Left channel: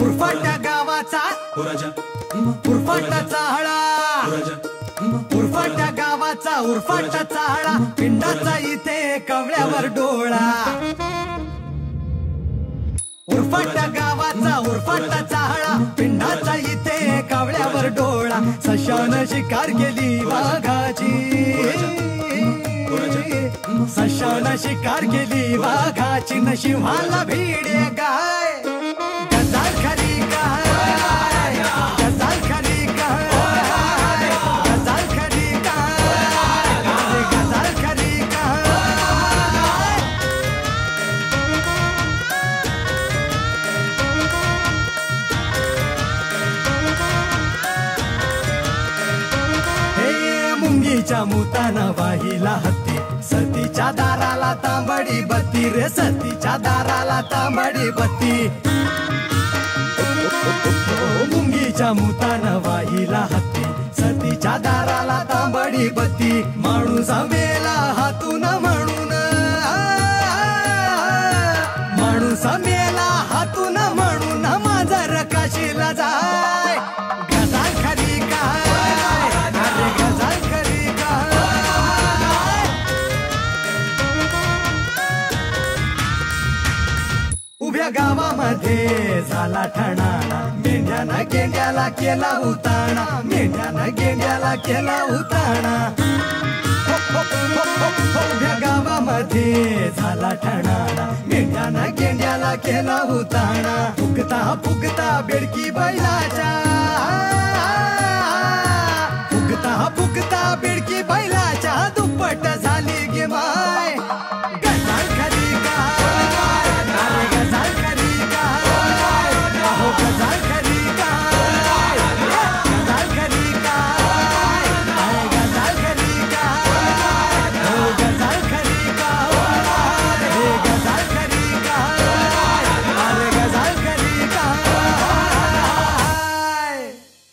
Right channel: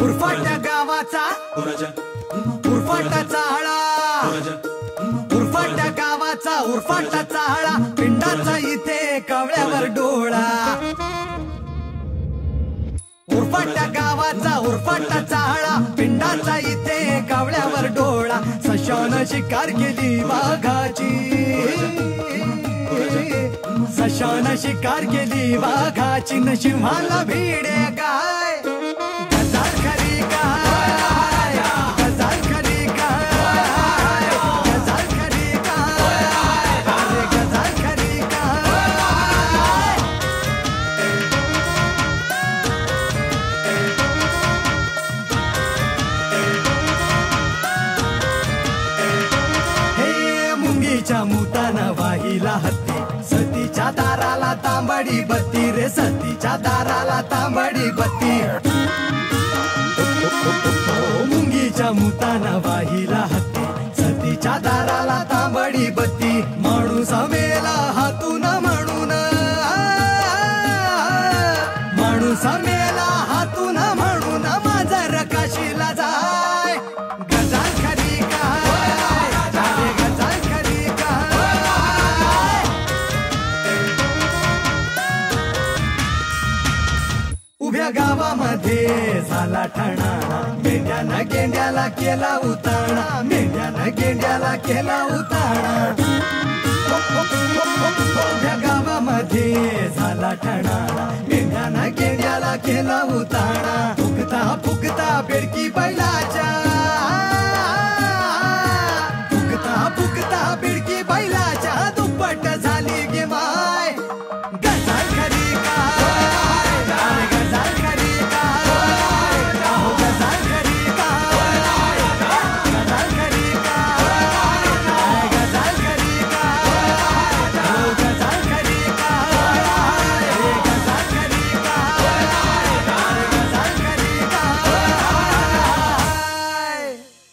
उरफाट्या गावाचा उरफाटा चाहळा, उरफाट्या गावाचा उरफाटा चाहळा, पिंडाचा इथे कवळ्यावर डोळा। उरफाट्या गावाचा उरफाटा चाहळा, पिंडाचा इथे कवळ्यावर डोळा। सशानं शिकार केली वाघाची, सशानं शिकार केली वाघाची, न सिंहाला भिडे गाय। गजाल खरी गाय, गजाल खरी गाय, गजाल खरी गाय, अरे गजाल खरी गाय। हे मुंगीच्या मुताना वाहिला हत्ती, सतीच्या दाराला तांबडी बत्ती रे, सतीच्या दाराला तांबडी बत्ती। मुंगीच्या मुताना वाहिला हत्ती, सतीच्या दाराला तांबडी बत्ती। माणूस मेला हातून म्हणून, माणूस मेला हातून म्हणून, मांजर काशीला जाय। गजाल खरी काय, अरे गजाल खरी काय। उभ्या गावामध्ये झाला ठाणाणा, मेंढ्यानं गेंड्याला केला उताणा, मेंढ्यानं गेंड्याला केला उताणा। उभ्या गावामध्ये झाला ठाणाणा, मेंढ्यानं गेंड्याला केला उताणा। फुगता फुगता बेडकी बैलाच्या,